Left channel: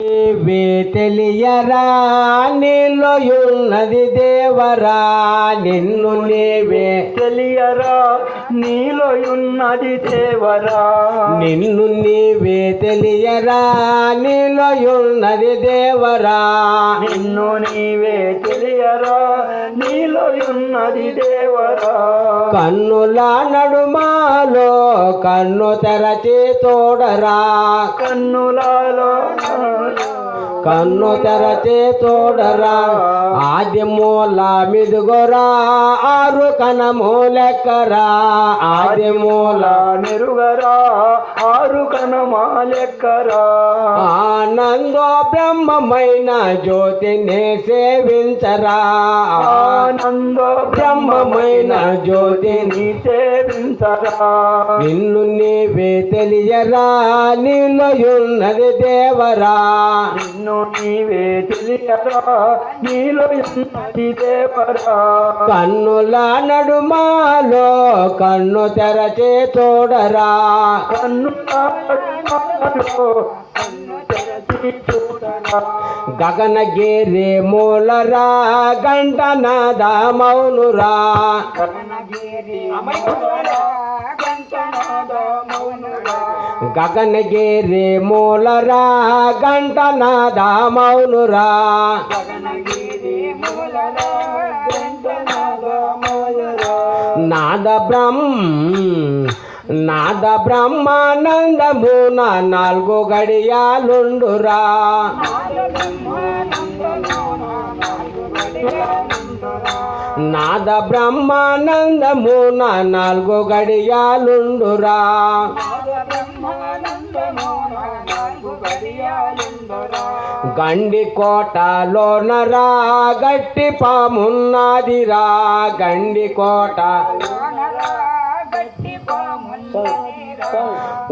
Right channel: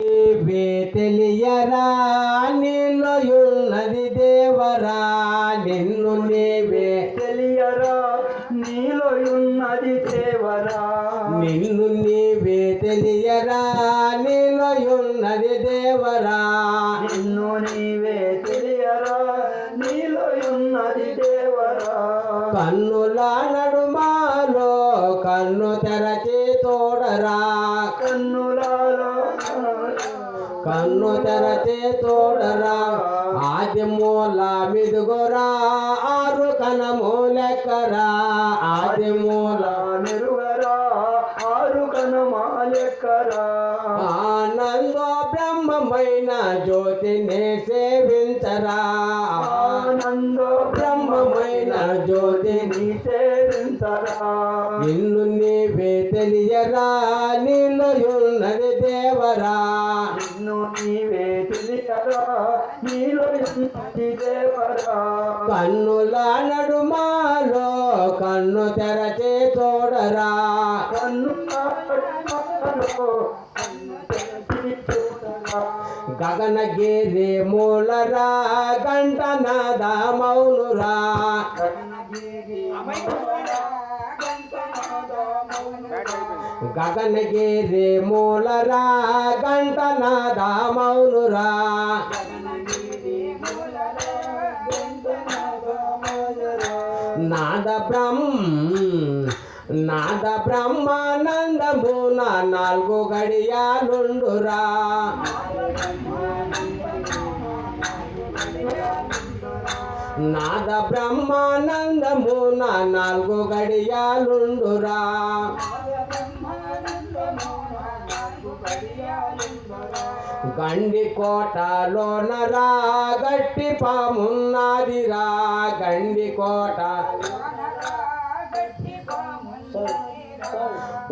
నీవే తెలియరా నీలోయున్నది దేవరా, నిన్ను నీవే తెలియరా నీలోయున్నది దేవరా, నిన్ను నీవే తెలియరా నీలోయున్నది దేవరా, నిన్ను నీవే తెలియరా నీలోయున్నది దేవరా. కన్నుల నడుమాలో కన్ను తెరచి తోడరా, కన్నులలో కన్ను తెరచి తోడరా, ఆది మూల మిదుగొరా ఆరు కనము లెక్కరా, ఆది మూల మెరుగరా ఆరు కనమాలెక్కరా. ఆనందో బ్రహ్మమైన జ్యోతిని సేవించరా, ఆనందో బ్రహ్మమైన జ్యోతిని సేవించరా. నిన్ను నీవే తెలియరా నీలోయున్నది దేవరా, నిన్ను నీవే తెలియరా నీలోయున్నది దేవరా. కన్నుల నడుమాలో కన్ను తెరచి తోడరా, కన్నులలో కన్ను తెరచి చూడరా. గగనగిరి మూలరా గంటనాద మౌనురా, గగనగిరి మూలరా గంటనాద మౌనురా, నాద బ్రహ్మానందమున నాలుగు గడియాలుండురా, నాద బ్రహ్మానందమున నాలుగు గడియాలుండురా, గండి కోటలోనరా గట్టి పామున్నదిరా, గండి కోట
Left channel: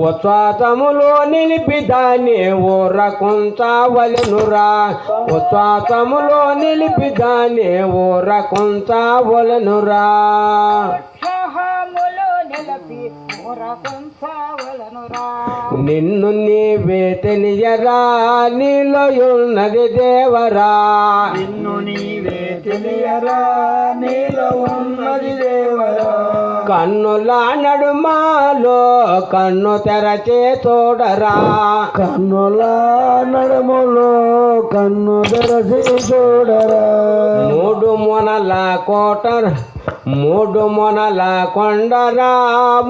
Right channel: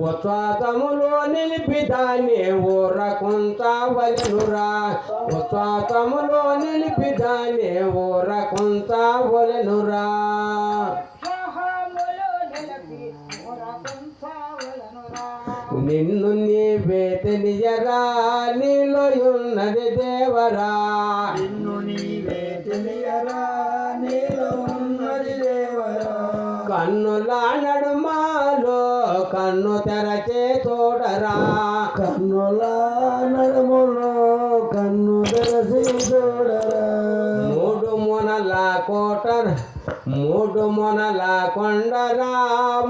ఉచ్ఛ్వాసములో నిలిపి దాన్ని ఊరకుంచవలెనురా, ఉచ్ఛ్వాసములో నిలిపి దాన్ని ఊరకుంచవలెనురా. నిన్ను నీవే తెలియరా నీలోయున్నది దేవరా, నిన్ను నీవే తెలియరా నీలో ఉన్నది దేవరా. కన్నుల నడుమాలో కన్ను తెరచి తోడరా, కన్నుల నడుములో కన్ను తెరచి చూడరా. మూడు మొనల కోట మూడు మొనల కొండరా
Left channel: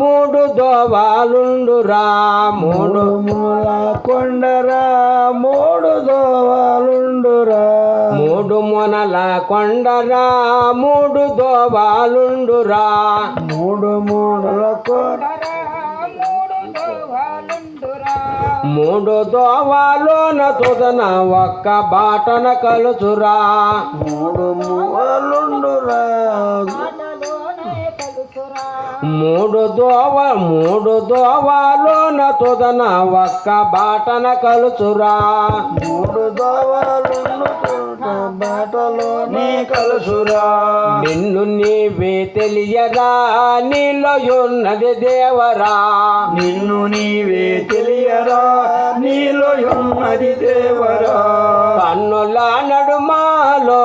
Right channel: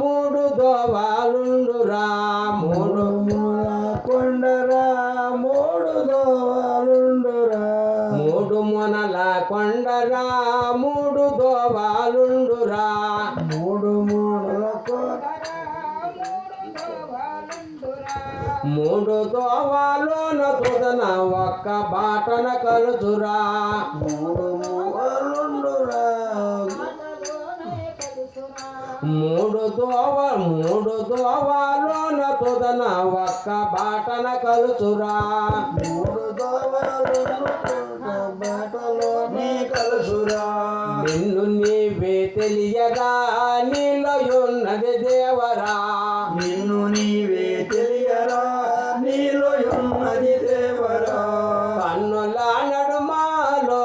మూడు దోవాలుండురా, మూడు మూల కొండరా మూడు దోవలుండురా. మూడు మొనల కొండరా మూడు దోవాలుండురా, మూడు మూడుల మూడు దోవాలోన తుదన ఒక్క బాటన కలుచురా, మూడు మూలుండురా. మూడు దోవాలోన తుదన ఒక్క బాటన కలుచురా, మూడు దోవలుండు బాటలోనే కలుసురా. నిన్ను నీవే తెలియరా నీలోయున్నది దేవరా, నిన్ను నీవే తెలియరా నీలోయున్నది దేవరా. కన్నుల నడుమాలో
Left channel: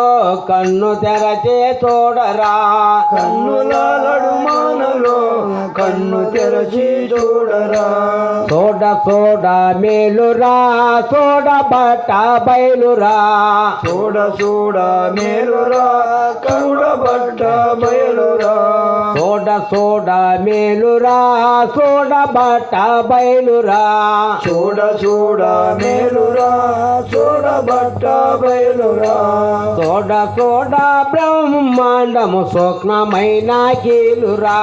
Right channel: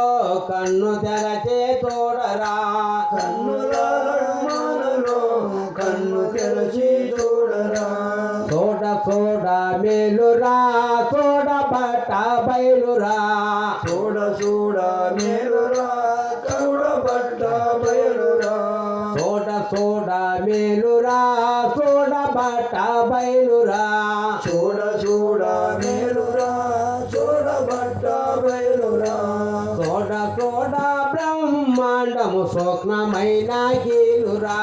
కన్ను తెరచి తోడరా, కన్నుల నడుమానలో కన్ను తెరచి చూడరా. సోడ సోడ మేలురా సోడ బట్ట బయలురా, చూడ చూడ మేలురా కరుడ బట్ట బయలురా. సోడ సోడ మేలురా సోడ బట్ట బయలురా, చూడ చూడ మేలురా చూడ బట్ట బయలురా. సోడ సోడ బ్రహ్మాండము సూక్ష్మమైన కీలురా,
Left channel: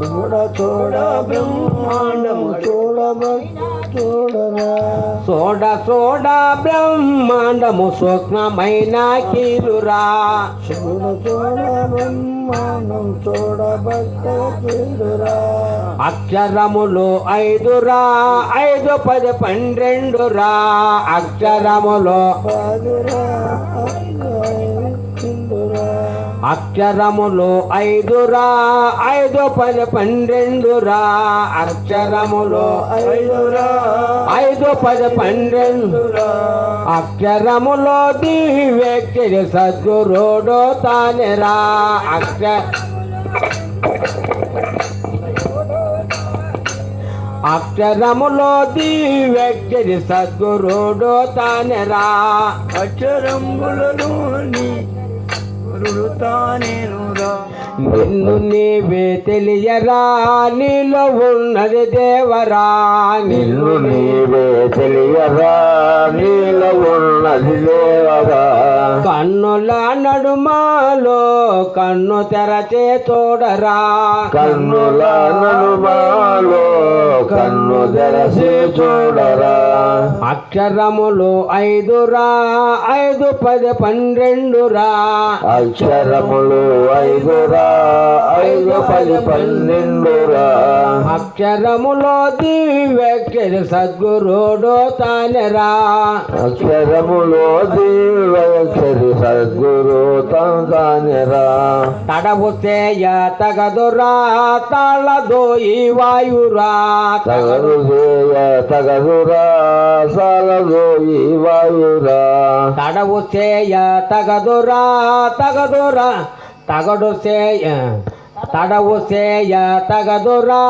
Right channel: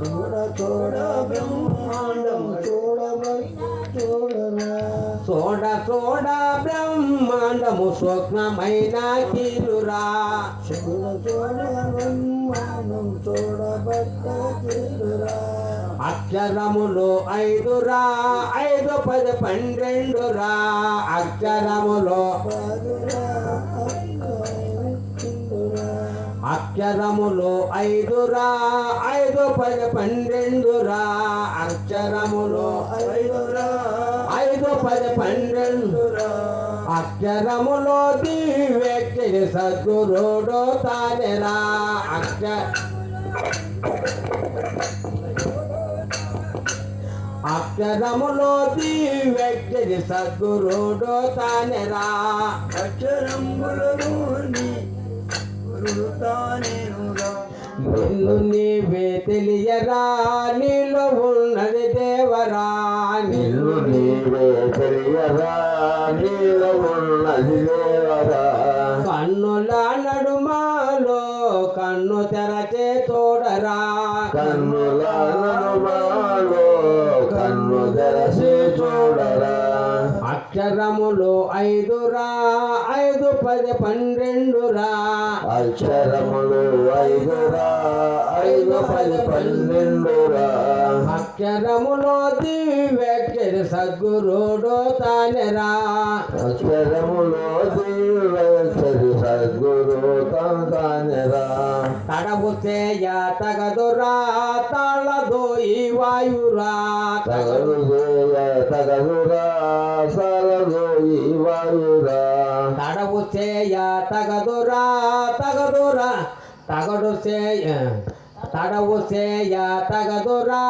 చూడ చూడ బ్రహ్మాండము చూడరా. సోడ సోడ బ్రహ్మాండము సూక్ష్మమైన కీలురా, చూడ చూడ బ్రహ్మాండం చూడబట్ట కీలురా. అక్షరములు ఐదురా 5 10 12 రా, అక్షరములు అక్షరములు 5 రా 5 10 12 రా, అక్షరములు 5 రా 5 10 12 రా. అక్షరములో దివ్యక్షరి సద్గురుడు తానేరా అక్షరములో దివ్యక్షరి సద్గురుడు తానేరా అక్షరంబులలోని గురుడు తానేనురా నిన్ను నీవే తెలియరా నీలో ఉన్నది దేవరా నిన్ను నీవే తెలియరా నీలో ఉన్నది దేవరా కన్నుల నడుమాలో కన్ను తెరచే చూడరా కన్నుల నడుమాలో కన్ను తెరసి చూడరా అక్షరములు 5రా 5 10 12రా అక్షరములు 5రా 5 10 12రా అక్షరములో దివ్యక్షరి సద్గురుడు తానేరా అక్షరములో దివ్యక్షరి సద్గురు తానేరా తడవు చేయ తగదురా తాళదో ఈ వాయురా తగదురా సాలదో ఈ వాయురా తడవు చేయ తగదురా తగడు చేయ తడవు చేయ తగదురా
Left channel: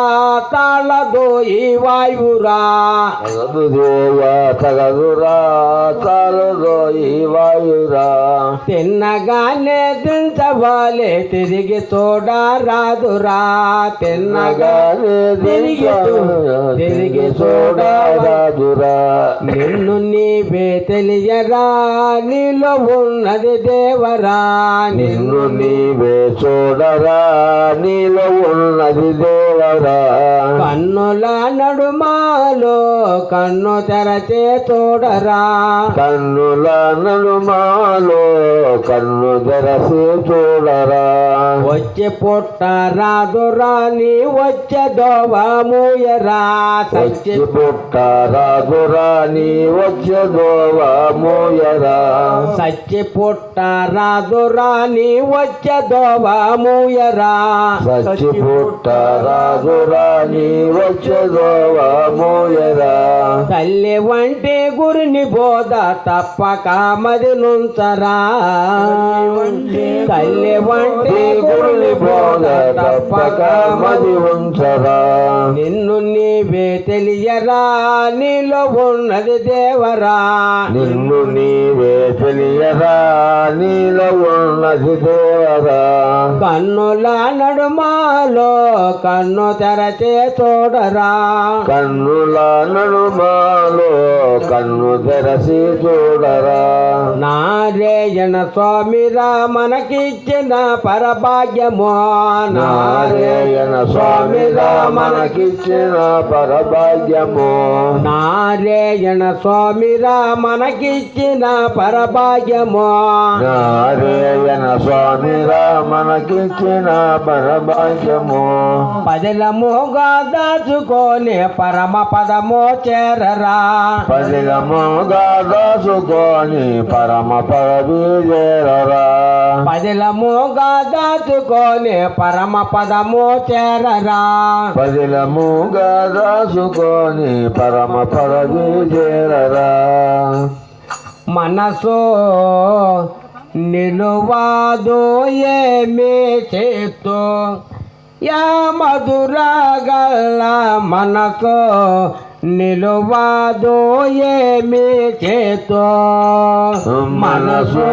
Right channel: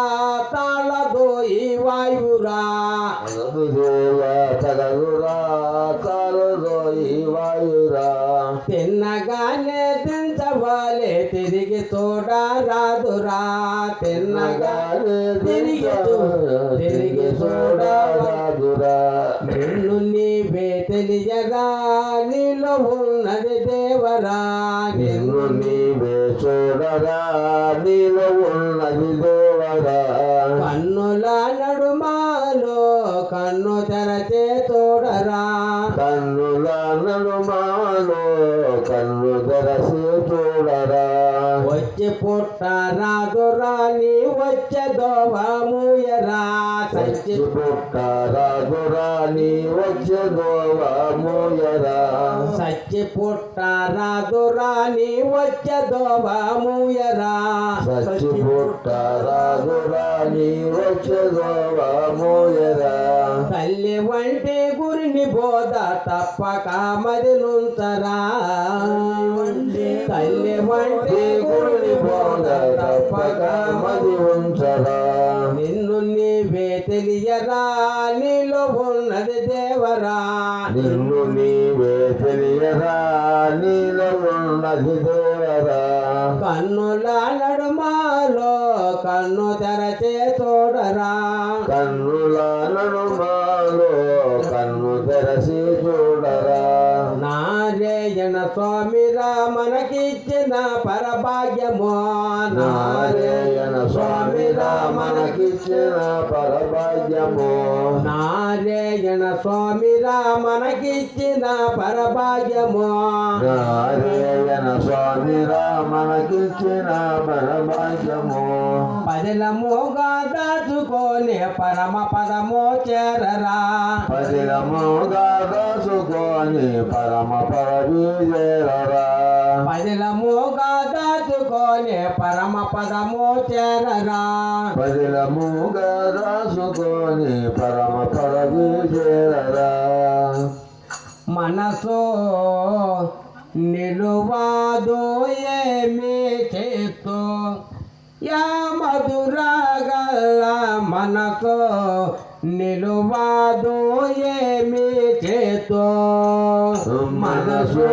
తాళదో ఈ వాయురా తగదురా సాలదో ఈ వాయురా తిన్నగానే దించవాలే తిరిగి చూడరాదురా తిన్నగానే తిరిగి చూడరాదురా నిన్ను నీవే తెలియరా నీలో ఉన్నది దేవరా నిన్ను నీవే చూడరా నీలో ఉన్నది దేవరా కన్నుల నడుమాలో కన్ను తెరచే చూడరా కన్నుల నడుమాలో కన్ను తెరసి చూడరా వచ్చి పుట్ట రాదురా నీ వచ్చే దోవమూయరా వచ్చి పుట్ట రాదురా నీ వచ్చే దోవమూయరా సచ్చి పుట్ట రాదురా నీ వచ్చే దోవమూయరా సచ్చి పుట్ట రాదురా నీ వచ్చే దోవమూయరా తల్లి వంటి గురిని బోధ తప్పక మది నుంచరా తల్లి వంటి గురిని బోధ తప్పక మది ఉంచరా నిన్ను నీవే తెలియరా నీలో ఉన్నది దేవరా నిన్ను నీవే తెలియరా నీలో ఉన్నది దేవరా కన్నుల నడుమాలో కన్ను తెరచే చూడరా కన్నుల నడుమాలో కన్ను తెరసి చూడరా నారాయణ స్వామిరా మనకిచ్చిన పరభాగ్యమో నారాయణ స్వామిరా మనకిచ్చిన పరభాగ్యము నారాయణ స్వామిరా మనకిచ్చిన పరభాగ్యమో నారాయణ స్వామిరా మనకిచ్చిన పరభాగ్యము పదిలముగా దాచుకొని పరమ పదమో చేరరా పదిలముగా దాచుకొని పరమ పదవి చేరరా పదిలముగా దాచుకొని పరమ పదమో చేరరా పదిలముగా దాచుకొని పరమ పదవి చేరరా మనసు నిలువాదో ఏమి చేతు యా మధురగల్ల మనసు నిలువాదో ఏమి చేతు మనసు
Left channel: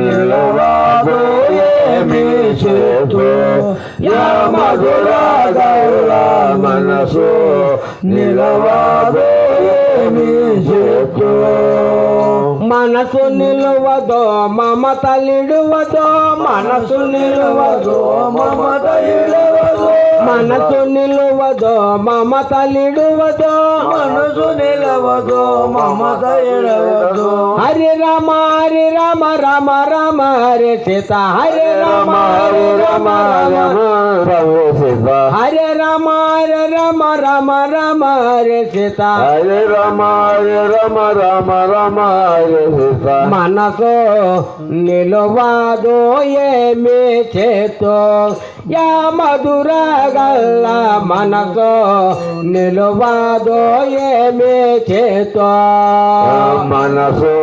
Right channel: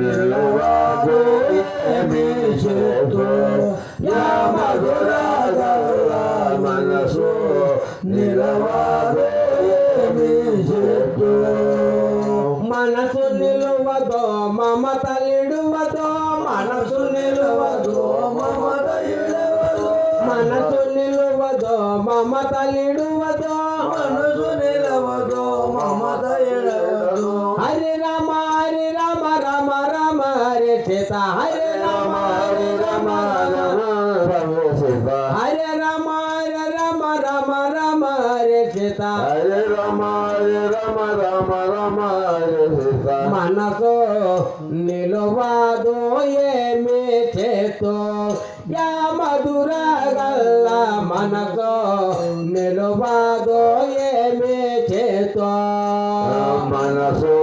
నిలువాదు ఏమి చేతు యా మధురగల్ల మనసు నిలువాదు ఏమి చేతు మనసు నిలువదో మమత నిలువదో మనసు నిలువదో మమత ఇడవదు మనసు నిలువదో మమత నిలువదో మనసు నిలవదు మమత ఇడవదు హరి రామ రామ రామ హరి సీత హరి రామ రామ రామ సీత హరి రామ రామ హరి సీత హరే రామ హరే సీత మనసు నిలువదో ఏమి చేతో యా మధురగల్ల మనసు నిలువదో ఏమి చేతో మనసు